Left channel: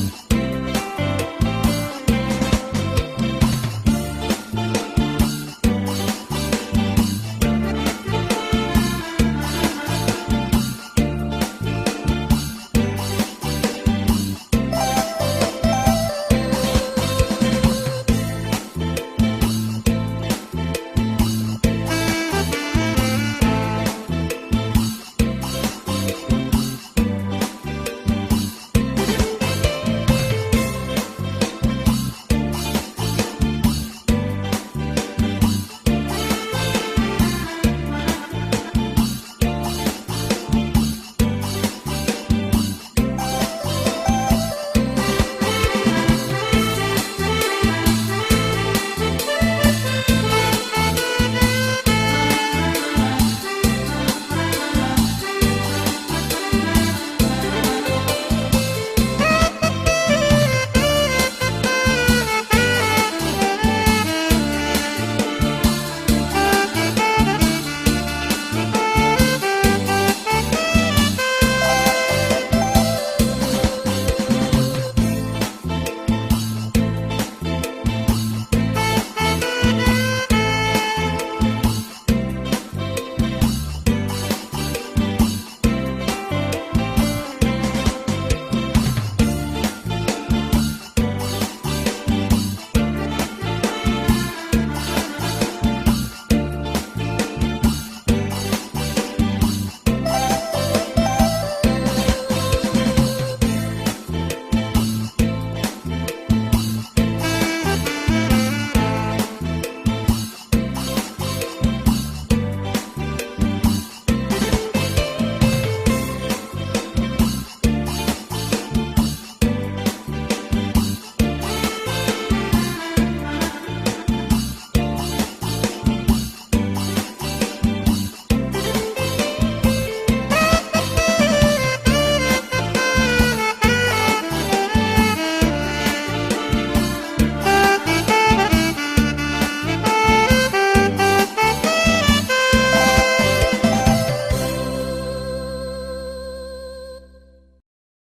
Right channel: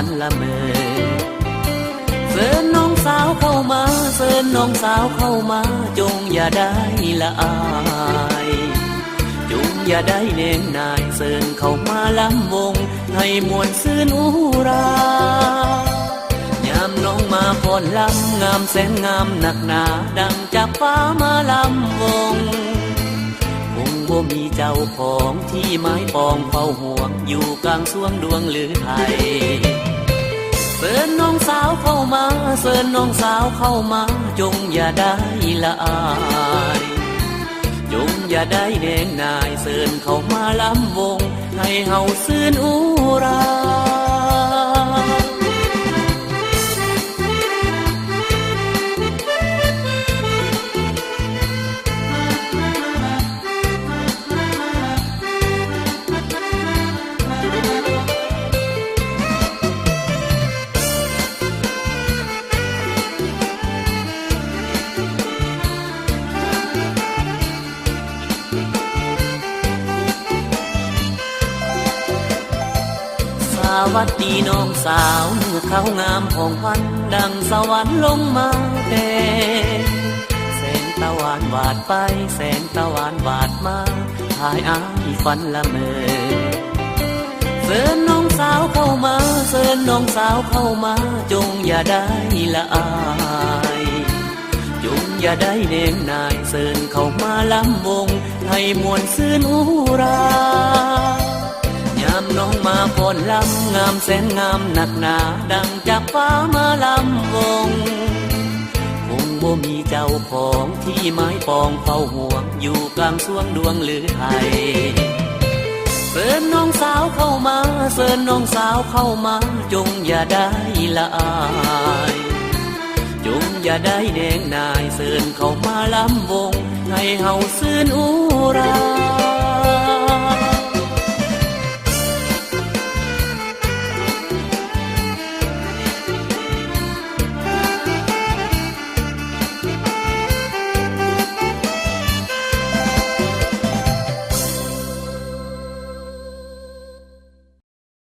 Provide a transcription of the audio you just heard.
ฝันละเมอเชิญน้องสาวเข้ามาเชิญน้องสาวเข้ามาจงอย่าได้ละอายจงอย่าได้เน้นนายเชิญเข้ามาล้ำวงให้มวลซื่นหูรายามน้องมาพรลำงามแสนงามหนักหนาดังจากฟ้ามาลำวงคงบ่มีเจ้าของที่ไม้ปองเฝ้าห่วงอยู่กลางสวงดวงหรือไทยเชิญน้องสาวเข้ามาเชิญน้องสาวเข้ามาจงอย่าได้ละอายจงอย่าได้เน่งนายเชิญเข้ามาล้ำวงให้เฮาซื่นหูราสวัสดีน้องสาวเมื่อเขางามของพันดังสวรรค์ลงมาแต่แสงตะวันวาดไปแสงตะวันวาดมาพายอ้ายฝันละเมอเชิญน้องสาวเข้ามาเชิญน้องสาวเข้ามาจงอย่าได้ละอายจงอย่าได้เน้นนายเชิญเข้ามาล้ำวงให้มวลซื่นหูรายามน้องมาพรลำงามแสนงามหนักหนาดังจากฟ้ามาลำวงคงบ่มีเจ้าของที่ไม้ปองเฝ้าห่วงอยู่กลางสวงดวงหรือไทยเชิญน้องสาวเข้ามาเชิญน้องสาวเข้ามาจงอย่าได้ละอายจงอย่าได้